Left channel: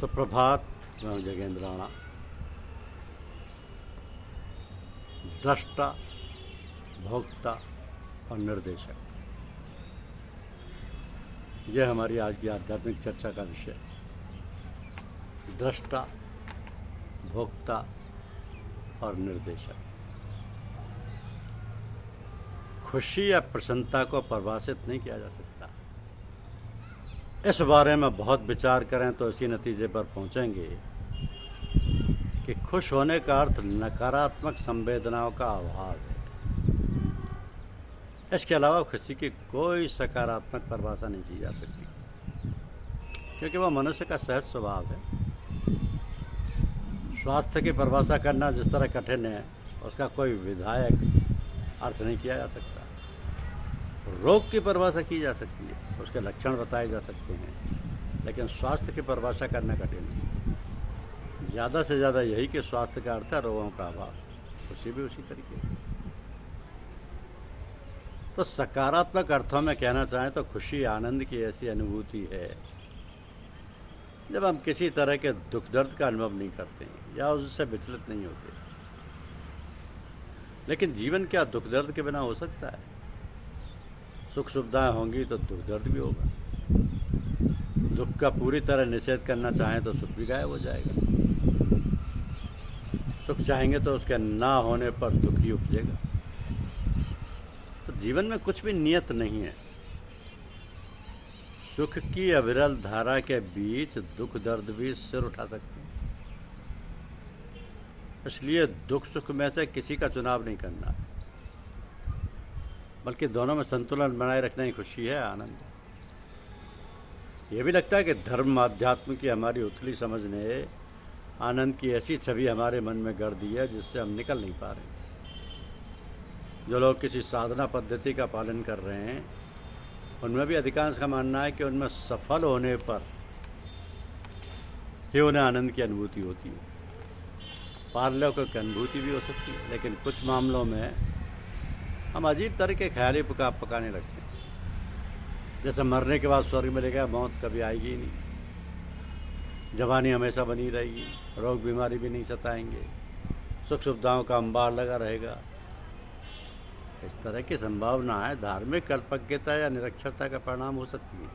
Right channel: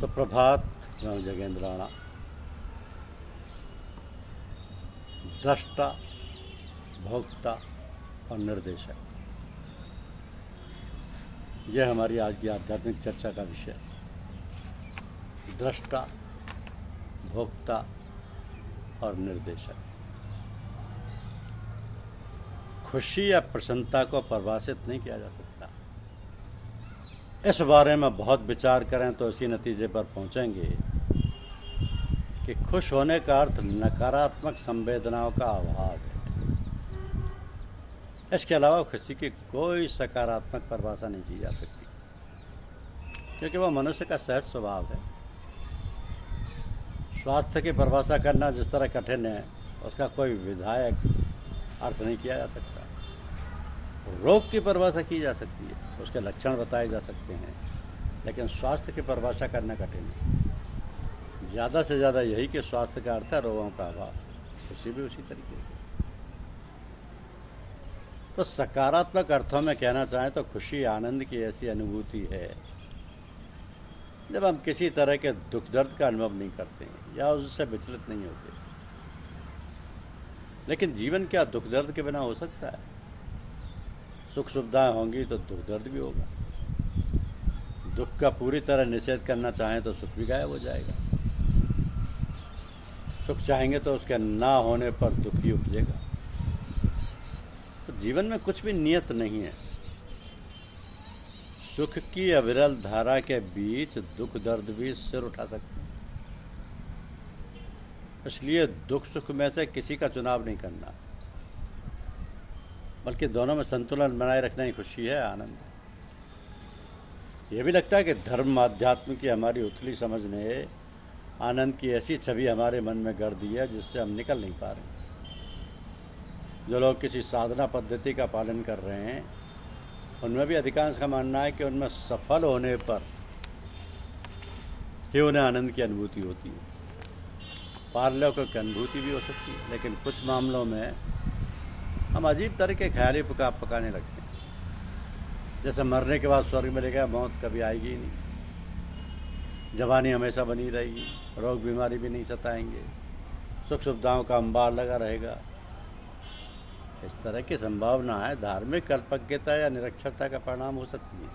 सुप्रभात। मैं जगेंद्र राणा, दृष्टा, भोक्ता और निर्देशक। यह हमारी आज की आध्यात्मिक चर्चा का विषय। दृष्टा, भोक्ता और निर्देशक। खुशी या प्रसन्नता को परिभाषित नहीं किया जा सकता। इस बारे में बहुत विचार करें तो इसी नतीजे पर पहुंचेंगे कि खुश होने का अर्थ नकारात्मक संवेदनाओं का अभाव है। इसके अलावा खुशी की कोई सकारात्मक परिभाषा नहीं की जा सकती, क्योंकि वह मनुष्य का सहज स्वभाव है। स्वास्थ्य की परिभाषा करना जिस तरह कठिन है, उसका कोई विधायक अर्थ नहीं किया जा सकता। रोग की परिभाषा की जा सकती है, उसके लक्षण बताए जा सकते हैं, लेकिन स्वास्थ्य की परिभाषा करना कठिन है। ज़्यादा से ज़्यादा यही कि स्वास्थ्य का अर्थ है रोगों का अभाव। खुशी भी उसी तरीके से। तो सकारात्मक अर्थों में कहना चाहें तो खुशी आनंद की ऐसी अनुभूति है जब हम किसी तरह के दुख दर्द का अनुभव नहीं करते हैं या उससे विचलित नहीं होते। लेकिन जीवन क्या दुख दर्द के बिना हो सकता है? सुख सुविधाएं होंगी तो दुख दर्द भी होगा। दुख का पूरी तरह निषेध करना चाहें तो सुख भी गायब हो जाएगा। सुख चाहेंगे तो उसके ना होने पर दुख ही उपजेगा। तो जीवन में कुछ भी नियत नहीं है। सुख की अविरल धारा के बीच दुख दर्द भी सिर उठा सकते हैं। इसलिए दुख सुख में से किसी का चुनाव नहीं करना, बल्कि दोनों में संतुलन बनाए रखना ही खुशी है, आनंद है। यह भी लगता है कि धर्म अध्यात्म की हमारी उथली समझ ने आनंद की ऐसी छवि हमारे मन में गढ़ दी है जिससे हम निकल नहीं पा रहे। जो लोग किसी साधना पद्धति का पालन कर रहे हैं, उनमें भी अधिकांश का मानना है कि उनमें सफल होने पर ही उन्हें आनंद की अनुभूति होती है। पारलौकिक अनुभूति भी हो सकती है, लेकिन कुछ मामलों में हम अजीब तरह के ख्याली पकाने लगते हैं, जैसे मरने के बाद स्वर्ग मिलेगा, मौत कभी आएगी ही नहीं, जवानी हमेशा बनी रहेगी, रोग बीमारी भी नहीं सताएंगे, सुख सुविधाओं का अंबार लगा रहेगा। इस तरह की संभावना है धार्मिक कल्पज्ञता या निरक्षरता का परिणाम हो सकती है,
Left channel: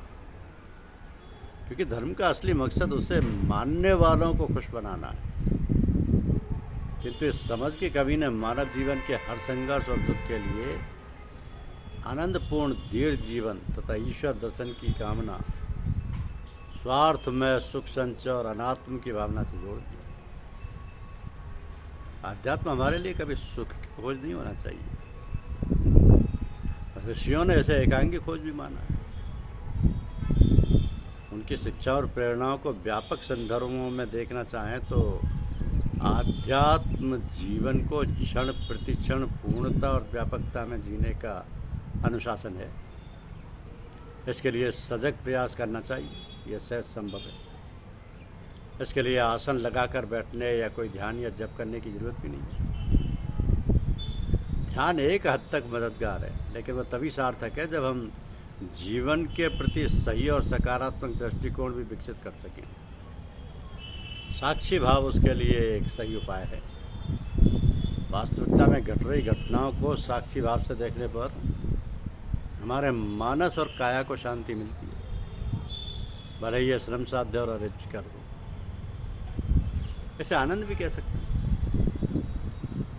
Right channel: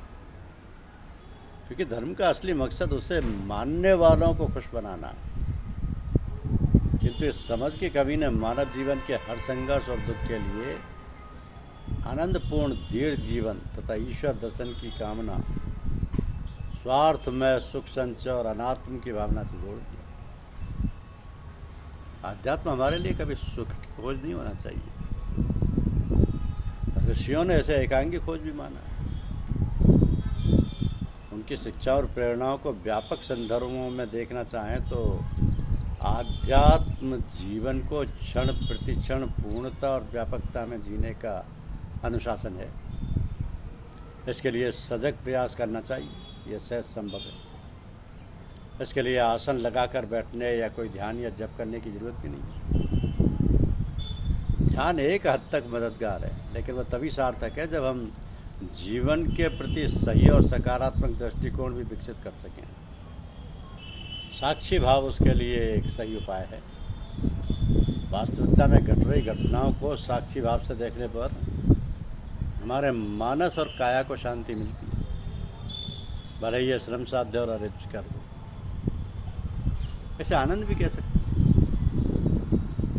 क्योंकि धर्म का असली मकसद उसे मानने वालों को खुश बनाना है। किंतु इस समझ की कमी ने मानव जीवन के हर संघर्ष और दुख के लिए आनंदपूर्ण दृढ़ जीवन तथा ईश्वर दर्शन की कामना, स्वार्थ में सुख संचय और अनात्म की भावना से जोड़ दिया। आध्यात्म हमारे लिए कभी सुख की खोज नहीं होना चाहिए। ऋषियों ने इसे एकांगी खोज भी माना है। उनकी शिक्षा और प्रेरणाओं को व्यापक संदर्भों में देखना चाहें तो आध्यात्म जीवन को क्षण प्रतिक्षण पूर्णता और व्यापकता में जीने का अनुशासन है। इसके लिए सजग प्रयास करना चाहिए। यह सहज संभव है। इसके लिए आसन लगाकर बैठने या कोई ध्यान या जप करने की जरूरत भी नहीं। ध्यान एक हद तक मददगार है, लेकिन वह तभी सार्थक है जब हम जीवन के प्रति सही और सकारात्मक दृष्टिकोण भी विकसित कर सकें। साक्षी भाव उसके लिए एक सही उपाय है। वास्तविकता में घट रही घटनाओं को साक्षी भाव से देखने पर हमारे मानस और काया को शांति मिलती है, भले ही श्रम साध्य और अरिष्टकर हो। इसे आनंद भी कह सकते हैं,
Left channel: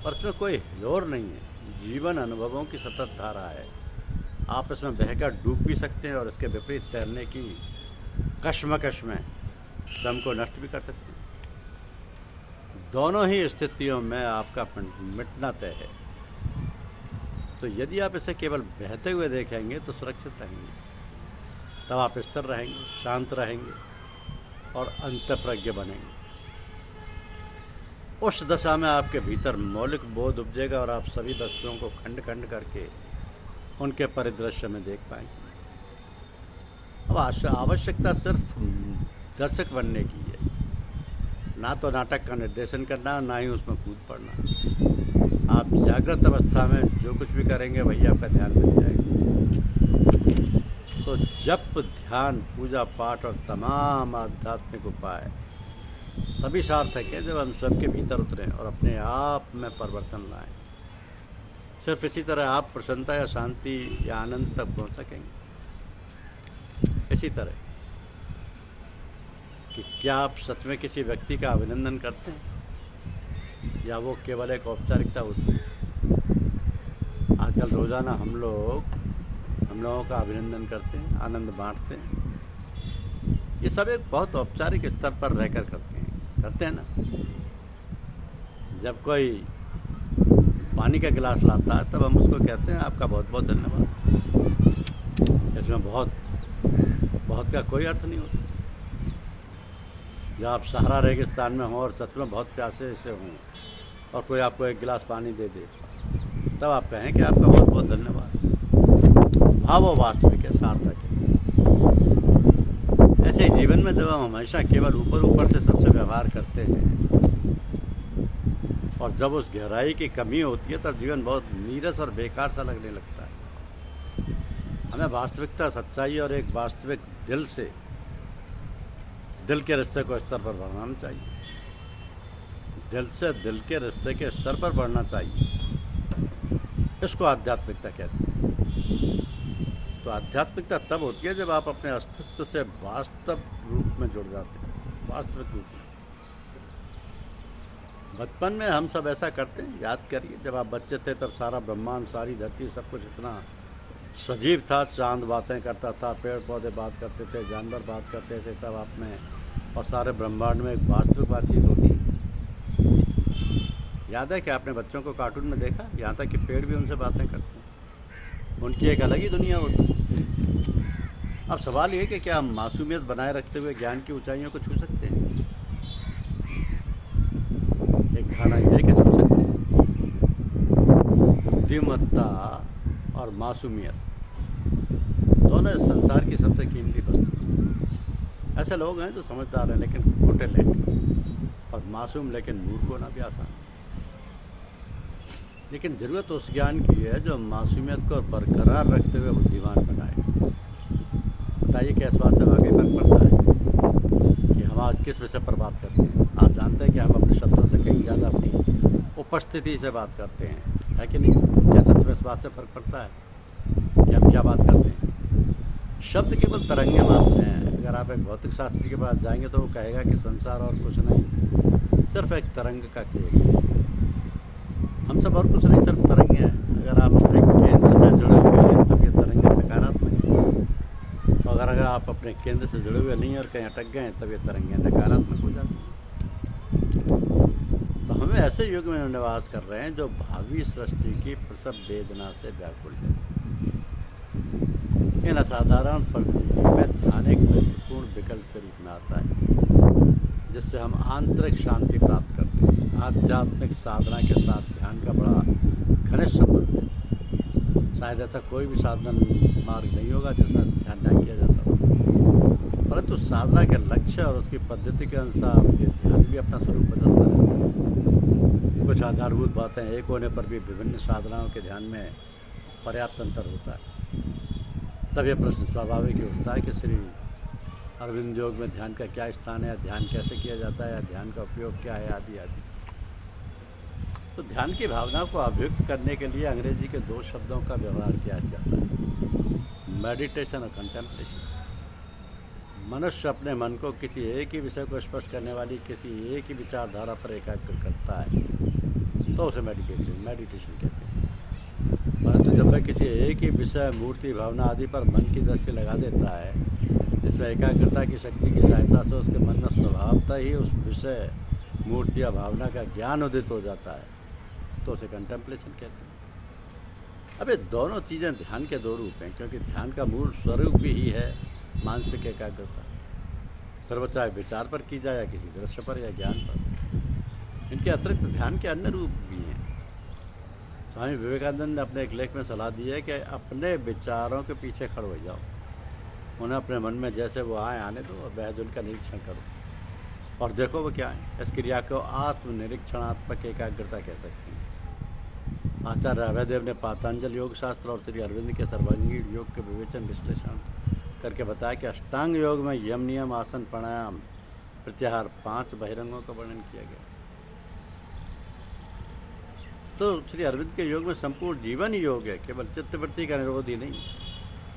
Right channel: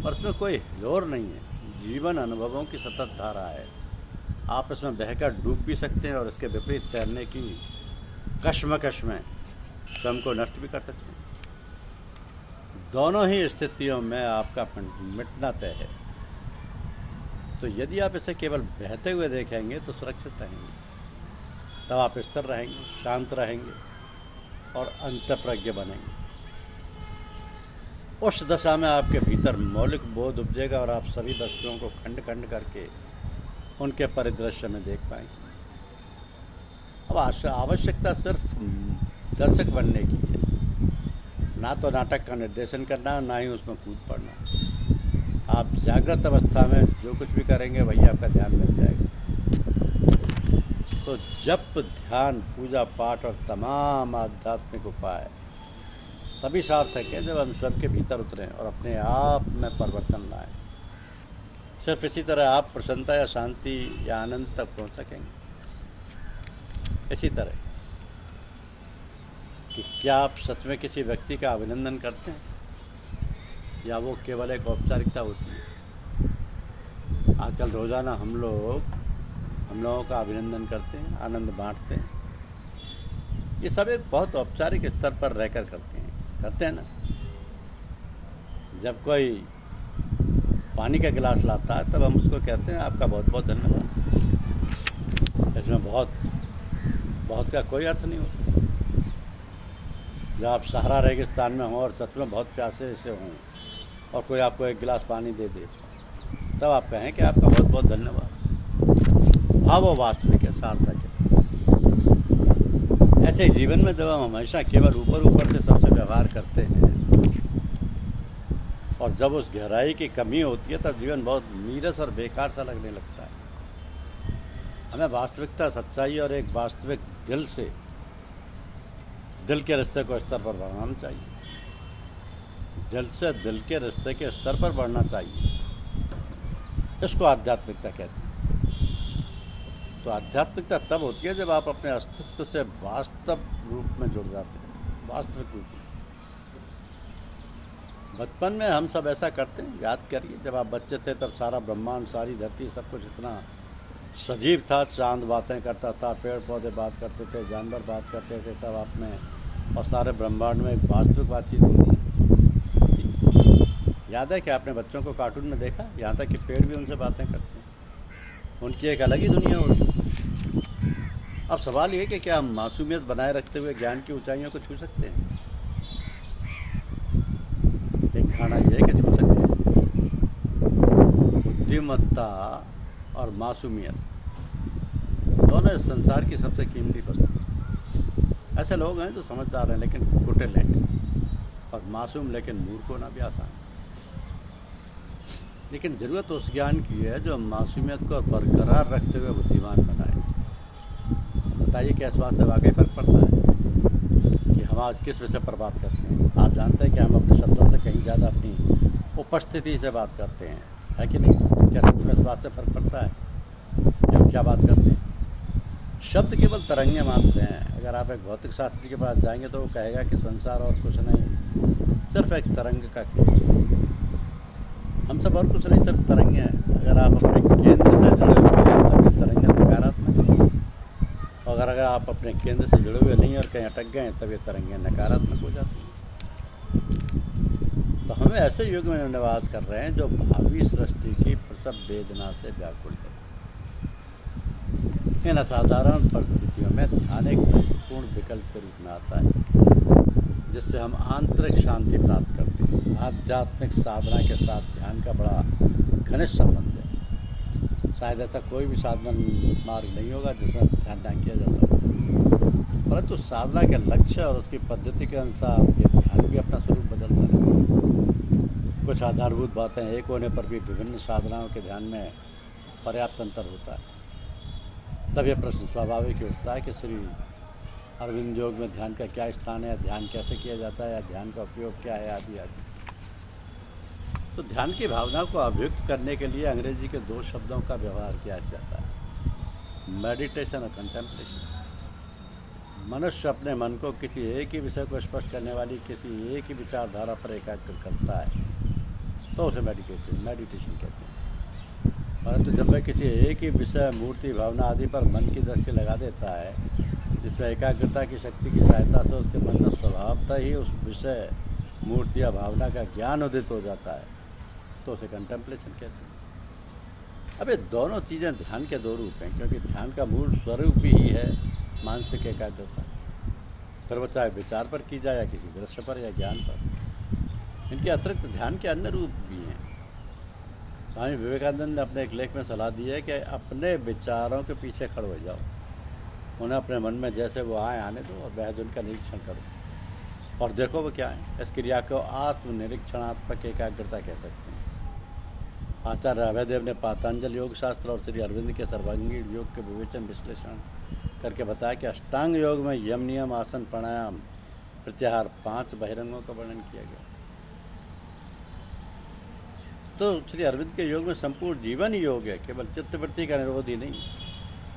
और इसमें कोई हिलोर नहीं है। जीवन अनुभवों की सतत धारा है। आप इसमें बहकर डूब भी सकते हैं और इसके विपरीत तैरने की कश्मकश में स्वयं को नष्ट भी कर सकते हैं। दोनों ही स्थितियों में आपका मिटना तय है। तो यदि आप इसे केवल बहते हुए देखेंगे तो सुरक्षित रहेंगे। तब आप स्थिर रहेंगे, शांत रहेंगे और अंतःप्रज्ञ बनेंगे। उस दशा में आपके भीतर मौलिक बोध उपजेगा और आप सभी वस्तुओं को खंड खंड करके उनके परिदृश्य में देख पाएंगे। अब आवश्यकता सिर्फ दर्शक बनने की है, ना तो नाटक का निर्देशन करना, ना ही उसमें कूद पड़ना। आप जागृत अवस्था में जो कुछ भी करेंगे वही आपका ध्यान बन जाएगा। तो जप, ध्यान, पूजा पाठ और तमाम आध्यात्मिक उपाय तभी सार्थक है जब हम सबके भीतर उतरें और अपने आप में परिवर्तन लाएं। सिर्फ इसी तरह आप प्रसन्नता या शांति या आनंद तक पहुंच सकेंगे। इसी तरह कि क्या आप सच में किसी व्यक्ति का अभिनंदन करते हैं या वो केवल एक औपचारिकता होती है? आजकल रोज़ाना हम लोगों का अभिनंदन करते हैं, आनंद बांटते हैं। ये सब एक बहुत औपचारिक स्तर पर रहकर करते हैं ना। जब कोई पानी का गिलास लाता है तब हम उसको कहते हैं आपका बहुत बहुत धन्यवाद। इसमें बहुत का कोई अर्थ नहीं होता। जब आप सहारा रेगिस्तान में हों और सच में बहुत प्यासे से हों और कोई आपको एक गिलास पानी दे दे तब आप कहें कि आपका बहुत बहुत धन्यवाद। हाँ, वो वास्तविक है, सार्थक है। ऐसे जीवन में जब हम हमेशा केवल ऊपर से सबसे व्यवहार करते हैं और जब उस गहराई की कमी होती है तब जीवन बहुत नीरस और बेकार सा लगने लगता है। हमें वास्तविकता, सच्चाई और एक वास्तविक दिल के रिश्ते को स्तर पर बढ़ाना चाहिए। दिल से दिल के रिश्ते के स्तर पर बढ़ना चाहिए। इसको आध्यात्मिकता कहते हैं। तो आध्यात्मिकता तब होती है जब आप अपने अस्तित्व से वास्तव रूप में जुड़ जाते हैं, वास्तविक रूप में। बचपन में हम सब ऐसा करते हैं। याद करिए, जब आप बच्चे थे तब सारा ब्रह्मांड, सारी धरती, सब कुछ इतना सजीव था। चांद बातें करता था, पेड़ पौधे बात करते थे, जानवर बात करते थे। तब आप में और सारे ब्रह्मांड में एक वास्तविक बातचीत होती। याद है कि आपने बच्चों को कार्टून में देखा, यहाँ तक कि पेड़ भी उनसे बातें करते हैं। उनकी एक अलग ही दुनिया होती है। अब सवाल ये कि क्या हम मासूमियत बनाए रखते हुए ज्ञान की ऊंचाइयों को छू सकते हैं? एक खाना ये कि छू सकते हैं। बुद्धिमत्ता और मासूमियत दोनों इस संसार की सबसे कीमती वस्तु। ऐसे लोग हैं जो समझदार हैं लेकिन कुटिल हैं, और मासूम लेकिन मूर्ख होना भी आसान है। लेकिन ज़रूरत उस ज्ञान की है जो मासूमियत को बरकरार रखते हुए बुद्धिमान बनाए। बताइए क्या इस बात से वाकई फर्क पड़ता है कि हम आज किस विषय पर बात करते हैं? आप जानते हैं कि हम अपने शब्दों से कहीं ज़्यादा अपनी उपस्थिति से बात करते हैं, है कि नहीं? क्या सच में इस बात से फर्क पड़ता है कि हम क्या बात करते हैं? शब्द केवल तरंगे मात्र हैं। अगर आप एक भौतिक शास्त्री के पास जाएंगे तो वो कहेगा कि संसार और कुछ नहीं, सिर्फ एक तरंग का खेल। हम सब और कुछ नहीं, सिर्फ तरंगे हैं। अगर आप अपने केंद्र से जुड़े हुए हैं तब ये तरंगे सकारात्मक हैं, और अगर आप अपने केंद्र से जुड़े हुए नहीं और कहीं अटक गए तब ये तरंगे नकारात्मक हो जाती हैं। तो हमें ऐसे युग में निवास कर रहे हैं जो भावी सृष्टि की प्रसव वेदना से व्याकुल है। इन असाधारण परिस्थितियों में ध्यान एक महत्वपूर्ण विकल्प के रूप में आता है, जिससे हम आंतरिक शांति प्राप्त करते हैं। आध्यात्मिक साधना के साथ ध्यान का बड़ा घनिष्ठ संबंध है। शायद ऐसा कोई भी साधन मार्ग नहीं होगा जिसमें ध्यान न किया जाता हो, परंतु साधना के लक्ष्य और उसकी पद्धति के अनुसार ये ध्यान भी अपना स्वरूप बदलता रहता है। कुछ आधारभूत बातें एक होने पर भी विभिन्न साधनाओं के ध्यान में पर्याप्त अंतर होता है। तब यह प्रश्न स्वाभाविक उठता है कि श्री अरविंद योग में ध्यान का क्या स्थान है, या ध्यान कैसे किया जाता है, या ध्यान का उपयोग क्या है, आदि आदि। तो ध्यान की भावना को अभिव्यक्त करने के लिए अंग्रेजी के 2 शब्दों का व्यवहार किया जाता है, मेडिटेशन और कंटेम्पलेशन। मनुष्य अपने मन को किसी एक ही विषय को स्पर्श करने वाली किसी एक ही विचारधारा पर एकाग्र करता है तो उसे मेडिटेशन कहते हैं। परंतु जब वह किसी एक ही विषय, मूर्ति, भावना आदि पर मन की दृष्टि लगा देता है, जिसमें एकाग्रता की शक्ति की सहायता से उसके मन में स्वभावतः ही उस विषय, मूर्ति या भावना का ज्ञान उदित हो जाता है, तो उसे कंटेम्पलेशन कहते हैं। अब ये दोनों चीज़ें ध्यान के 2 रूप हैं, क्योंकि ध्यान का मूल स्वरूप भी ही है मानसिक एकाग्रता। फिर वो चाहे विचार पर की जाए या किसी दृश्य पर या ज्ञान पर। इनके अतिरिक्त ध्यान के अन्य रूप भी हैं। स्वामी विवेकानंद ने अपने एक लेख में सलाह दी है कि अपने विचारों के पीछे खड़े हो जाओ, उन्हें अपने मन में जैसे वो आने दो और बेहद उनका निरीक्षण करो और देखो वो क्या है। इस क्रिया को आत्मनिरीक्षणात्मक एकाग्रता कह सकते हैं। आचार्य अभयदेव ने पातंजल योग शास्त्र और श्री अरविंद के सर्वांगीण योग के विवेचन विश्लेषण करके बताया कि अष्टांग योग में यम, नियम, आसन, प्राणायाम प्रत्याहार 5 बहिरंगों का वर्णन किया गया। तो श्री अरविंद के योग में संपूर्ण जीवन ही योग है, केवल चित्तवृत्ति का निरोध ही नहीं।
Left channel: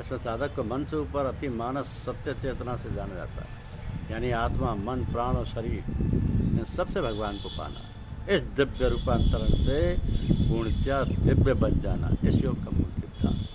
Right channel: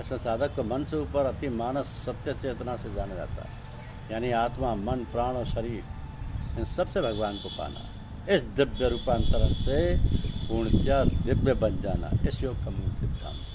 इसमें साधक को मन से ऊपर अति मानस सत्य चेतना से जाना जाता है, यानी आत्मा, मन, प्राण और शरीर इन सबसे भगवान को पाना, इस दिव्य रूपांतरण से पूर्णतया दिव्य बन जाना, इस योग का मूल सिद्धांत।